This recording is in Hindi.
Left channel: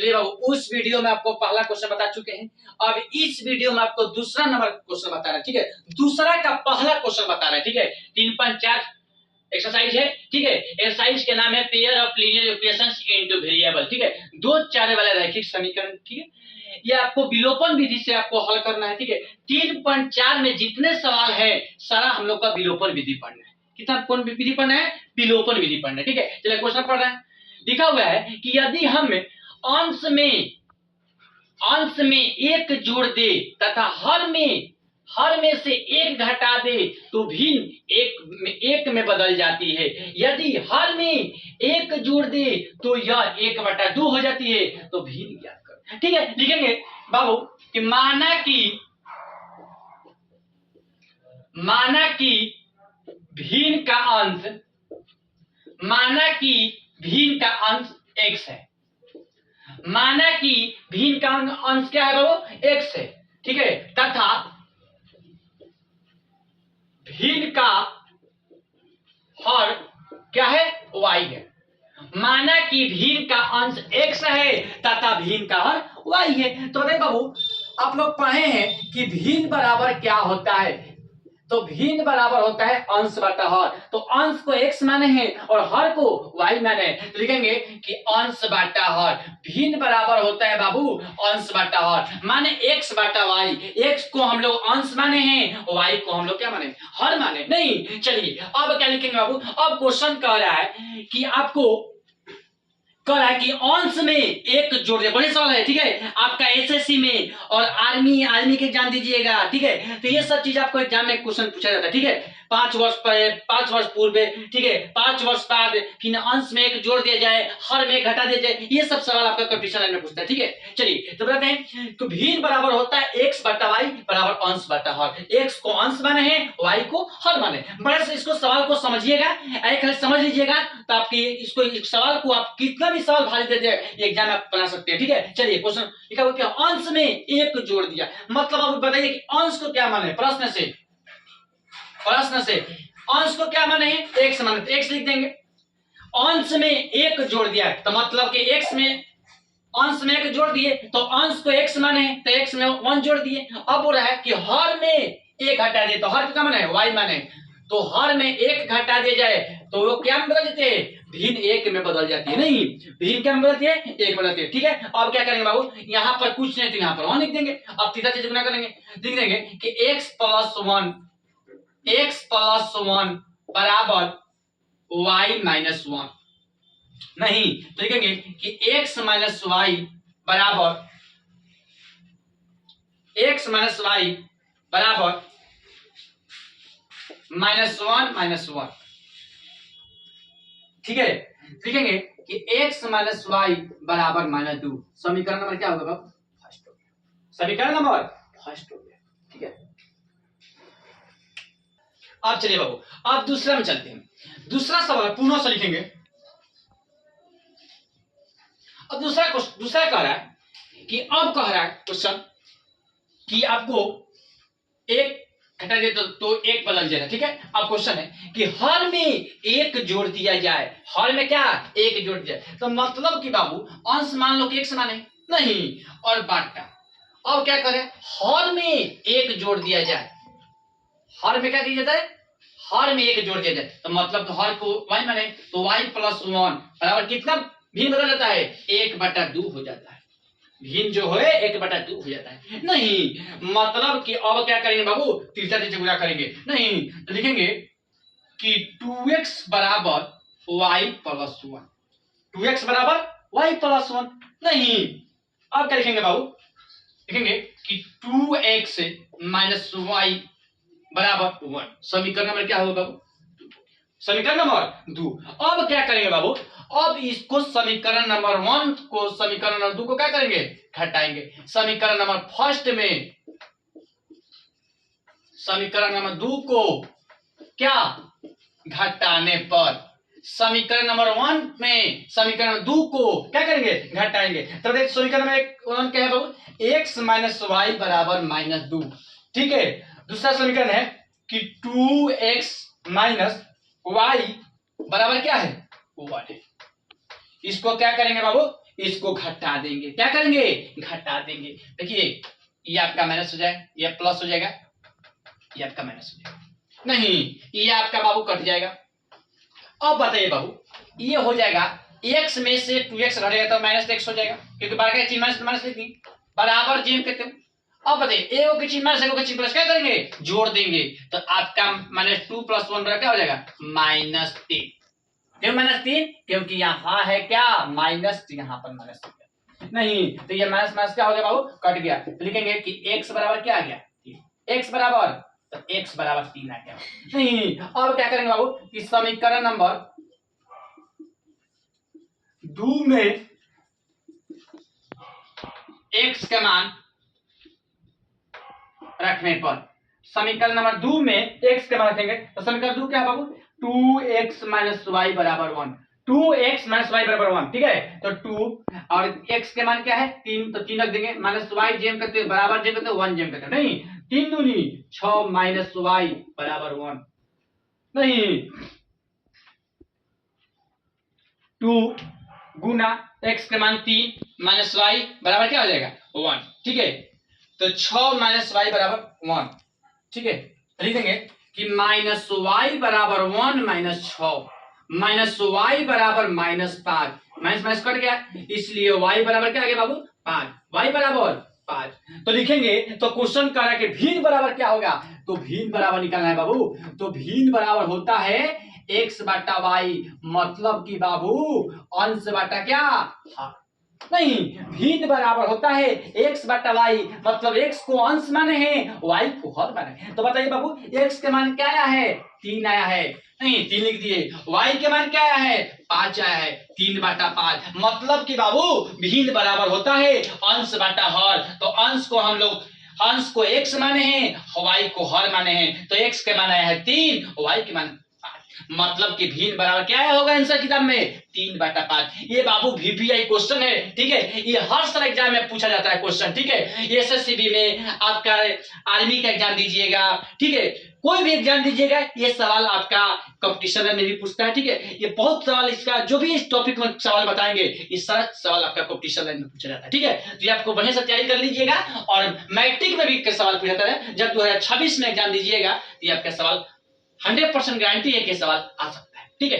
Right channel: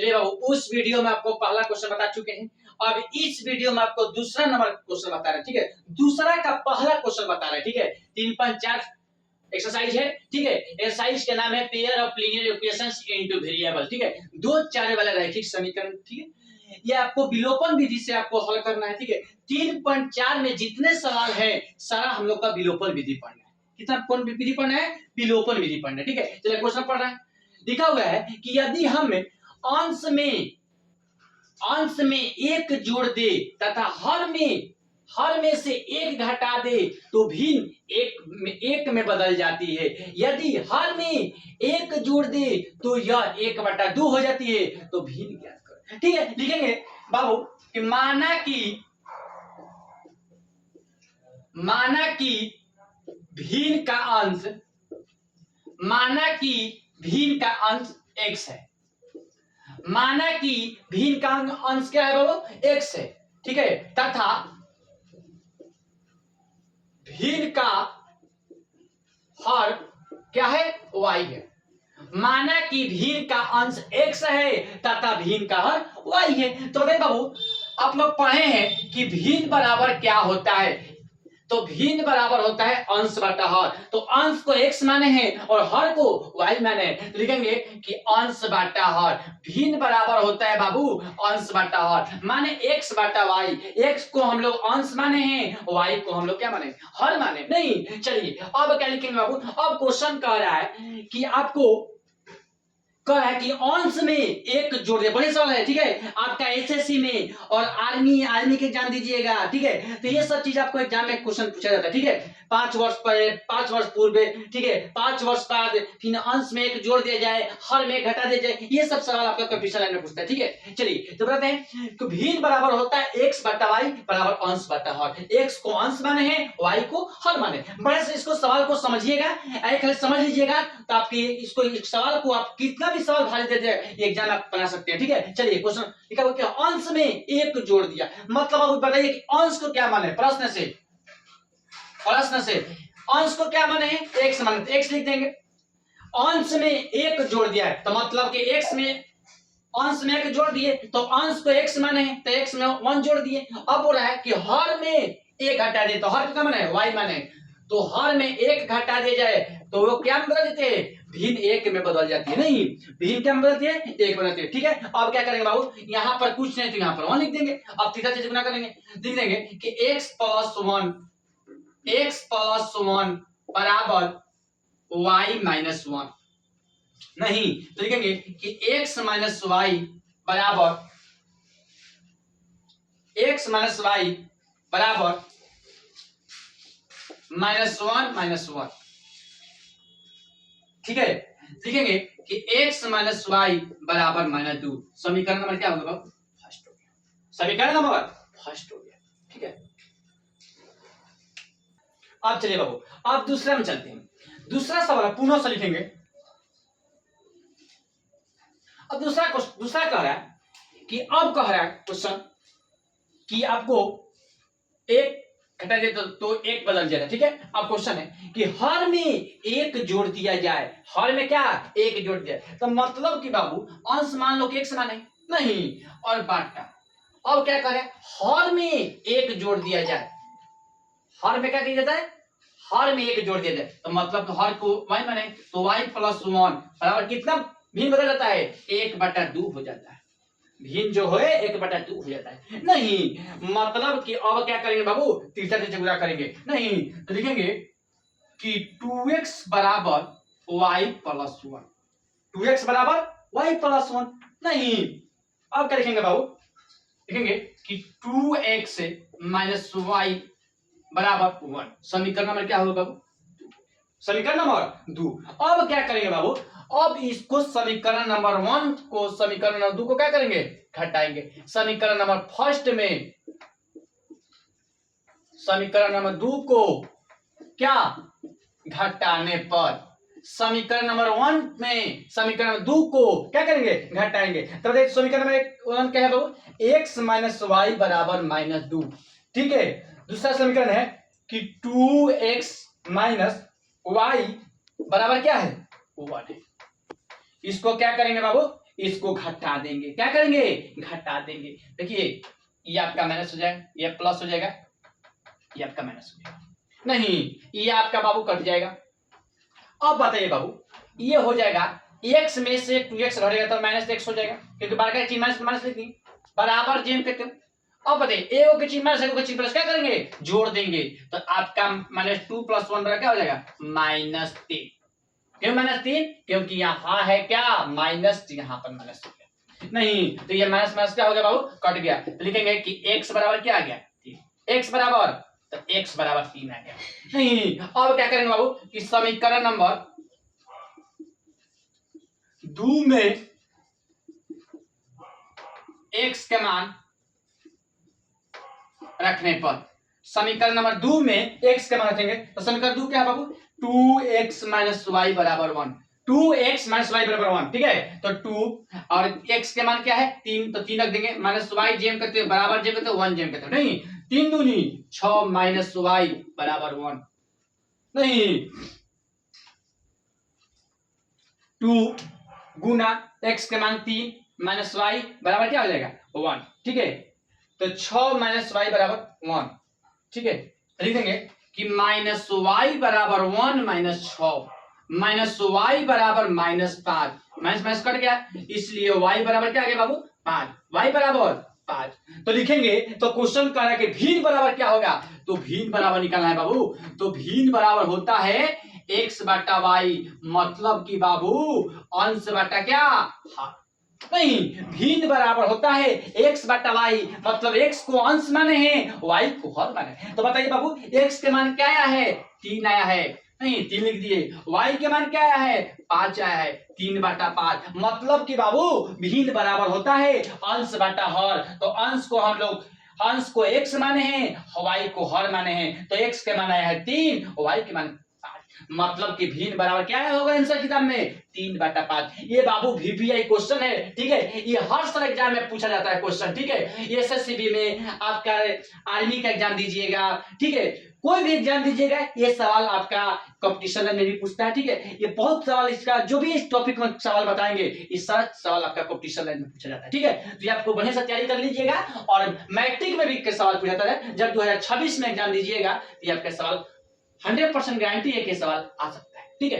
चलिए बाबू, उस वीडियो में आपको पहला क्वेश्चन बता चुके हैं। अब इस वीडियो में आपको दूसरा नंबर क्वेश्चन बता रहे हैं, ठीक है। दूसरा का पहला क्वेश्चन बता रहे हैं, ठीक है। 3.4 एक्सरसाइज है, ठीक है। एक्सरसाइज के नाम है pair of linear equations into variable, ठीक है। दो चारे वाला रैखिक समीकरण, ठीक है। ये आपको विलोपन विधि से आपको हल करना है, ठीक है। 3.4 में जितने सवाल है सारा हम लोग का विलोपन विधि पढ़ना है। कितना कौन विधि पढ़ना है? विलोपन विधि पढ़ना है, ठीक है। चलिए क्वेश्चन पढ़ रहे हैं। लिखा हुआ है कि यदि हम अंश में एक जोड़ दे तथा हर में से एक घटा दे तो भिन्न एक में बदल जाती है। यदि हर में एक जोड़ दे तो यह 1/2 हो जाती है। तो भिन्न ज्ञात करो, ठीक है। लिखेंगे बाबू कि माना कि भिन्न का अंश x है। माना कि भिन्न का अंश क्या है बाबू? x है, ठीक है। तथा भिन्न का हर क्या है? y है। माना कि भिन्न का अंश x है तथा भिन्न का हर y है। तो बताइए बाबू, आप लोग पढ़े हैं कि भिन्न बराबर क्या होता है? तो भिन्न बराबर होता है अंश बटा हर। तो अंश को x माने हैं और हर को y माने हैं। तो लिखेंगे कि अंश बटा हर। भिन्न बराबर होता है बाबू अंश बटा हर, माने x बटा y। x को हम लोग अंश माने हैं, y को हम लोग क्या माने? हर माने नहीं। चलिए अब क्या लिखेंगे बाबू? अब क्वेश्चन कह रहा है कि आपको कि अंश में एक जोड़ दे। बड़ी सवाल है, ठीक है। आपका एसएससी में और आर्मी के एग्जाम दीजिएगा, ठीक है। तो ये सब चीज आपको एग्जाम में क्वेश्चन पूछा जाता है, ठीक है। 5 वर्ष पहले, 5 वर्ष पूर्व, ठीक है, 5 वर्ष बाद फिर अंश में एक जोड़ दिया जाए, हर में घटा दिया जाए। ये सब सवाल आपका कंपटीशन लाइन में पूछता है, ठीक है। चलिए तो बताते हैं तो भिन्न बराबर होता है x बटा y बराबर अंश बटा हर। x को अंश माने हैं, y को हर माने। बड़े से इसको सवाल को समझिएगा, खाली समझ लीजिएगा तो आपकी इसको इस सवाल को आप कितना भी सवाल भारी देते हैं ये एग्जाम आप बना सकते हैं, ठीक है। चलिए क्वेश्चन लिखा हुआ क्या? अंश में एक जोड़ दिया, मतलब आप बताइए कि अंश को क्या माने? प्रश्न से अंश को क्या माने हैं? x माने, तो x लिख देंगे। अंश में एक जोड़ दिया तो मतलब कि x में अंश में एक जोड़ दिए तो अंश को x माने हैं, तो x में 1 जोड़ दिए। अब बोल रहा है कि हर में एक घटा दे, तो हर को क्या माने? y माने। तो हर में एक घटा दिया जाए तो वो क्या में बदल जाते हैं? भिन्न एक में बदल जाती है। नहीं, भिन्न क्या में बदलती है? एक बदलती है, ठीक है। अब क्या करेंगे बाबू? यहाँ पर कुछ नहीं तो यहाँ पर 1 लिख देंगे। अब तीसरा चीज गुना करेंगे, लिख देंगे कि x प्लस 1 बराबर y माइनस 1। नहीं तो लिखेंगे कि x माइनस वाई बराबर -1 ठीक है। लिखेंगे कि x माइनस वाई बराबर -2। समीकरण नंबर क्या होगा? फर्स्ट हो गया। समीकरण नंबर फर्स्ट हो गया, ठीक है। अब चलिए बाबू, अब दूसरा में चलते हैं। दूसरा सवाल पुनः से लिखेंगे। अब दूसरा कह रहा है कि अब कह रहा है क्वेश्चन कि आपको एक घटा दे तो एक बदल जाएगा, ठीक है। अब क्वेश्चन है कि हर में एक जोड़ दिया जाए। हर में क्या? एक जोड़ दिया जाए, तो मतलब कि बाबू अंश मान लो कि x माने नहीं और बाटा। अब क्या करें? हर में एक जोड़ दिया जाए। हर में क्या दिया जाता है? हर में एक जोड़ दिया जाए तो मतलब तो हर को y माने तो y प्लस 1 बराबर कितना भिन्न बदल जाता है? 1/2 हो जाता है। भिन्न जो है 1/2 हो जाता है। नहीं मतलब कि अब क्या करेंगे बाबू? तीसरा चीज गुणा करेंगे। नहीं तो लिखेंगे कि 2x बराबर y प्लस 1। 2x बराबर y प्लस 1। नहीं अब क्या लिखेंगे बाबू? लिखेंगे कि 2x माइनस y बराबर 1। समीकरण नंबर क्या होगा बाबू? समीकरण नंबर 2। अब क्या करेंगे बाबू? अब इसको समीकरण नंबर 1 को समीकरण नंबर 2 को क्या करेंगे? घटाएंगे। समीकरण नंबर फर्स्ट में समीकरण नंबर 2 को क्या घटाने पर समीकरण नंबर 1 में समीकरण 2 को क्या करेंगे? घटाएंगे। तो देखिए समीकरण में 1 क्या है बाबू? x माइनस वाई बराबर -2, ठीक है। दूसरा समीकरण है कि 2x माइनस वाई बराबर क्या है? 1 है। इसको क्या करेंगे बाबू? इसको घटा देंगे। क्या करेंगे? घटा देंगे। देखिए ये आपका माइनस हो जाएगा, ये प्लस हो जाएगा, ये आपका माइनस हो जाएगा। नहीं, ये आपका बाबू कट जाएगा। अब बताइए बाबू, ये हो जाएगा x में से 2x घटेगा तो माइनस x हो जाएगा, क्योंकि बार का चिन्ह माइनस माइनस लिखी बराबर जेम कहते हो। अब बताइए एगो के चिन्ह माइनस एगो के चिन्ह प्लस क्या करेंगे? जोड़ देंगे। तो आपका माइनस 2 + 1 बराबर क्या हो जाएगा? -3। क्यों -3? क्योंकि यहाँ है क्या? माइनस, यहाँ पर माइनस हो गया। नहीं तो ये माइनस माइनस क्या हो गया बाबू? कट गया। तो लिखेंगे कि x बराबर क्या आ गया? 3। x बराबर, तो x बराबर 3 आ गया। नहीं, अब क्या करेंगे बाबू कि समीकरण नंबर 2 में x का मान रखने पर, समीकरण नंबर 2 में x का मान रखेंगे तो समीकरण 2 क्या है बाबू? 2x - y = 1। 2x - y = 1, ठीक है। तो 2 और x के मान क्या है? 3, तो 3 रख देंगे। -y जेम करते हैं, बराबर जेम करते हैं, 1 जेम करते हैं। नहीं, 3 दूनी 6 - y = 1। नहीं, 2 गुना x के मान 3 - y बराबर क्या हो जाएगा? 1, ठीक है। तो 6 - y = 1, ठीक है। लिखेंगे कि -y = 1 - 6 -y = -5, minus minus cut गया, इसलिए y बराबर क्या आ गया बाबू? 5। y बराबर 5। तो लिखेंगे, तो क्वेश्चन कह रहा है कि भिन्न बराबर क्या होगा? तो भिन्न बराबर निकालना है बाबू। तो भिन्न बराबर होता है x बटा y, मतलब कि बाबू अंश बटा क्या? हाँ नहीं, भिन्न बराबर होता है x बटा y, मतलब x को अंश माने हैं, y को हर माने हैं। तो बताइए बाबू x के मान क्या आया है? 3 आया है। नहीं, 3 लिख दिए। y के मान क्या आया है? 5 आया है। 3/5, मतलब कि बाबू भिन्न बराबर होता है अंश बटा हर। तो अंश को हम लोग, अंश को x माने हैं, y को हर माने हैं। तो x के मान आया है 3, y के मान 5, मतलब कि भिन्न बराबर क्या होगा आंसर किताब में? 3/5। ये बाबू VPI क्वेश्चन है, ठीक है। ये हर साल एग्जाम में पूछा जाता है क्वेश्चन, ठीक है। ये SSCB में, आपका आर्मी का एग्जाम दीजिएगा, ठीक है, कोई भी एग्जाम दीजिएगा, ये सवाल आपका कंपटीशन में भी पूछता है, ठीक है। ये बहुत सवाल, इसका जो भी इस टॉपिक में सवाल बताएंगे, इस सारा सवाल आपका कंपटीशन में पूछा जाता है, ठीक है। तो ये आपको बढ़िया से तैयारी कर लीजिएगा। और मैट्रिक में भी सवाल पूछा जाता है, जब 2026 में एग्जाम दीजिएगा, तो ये आपका सवाल 100% गारंटी है कि सवाल आ सकता है, ठीक है।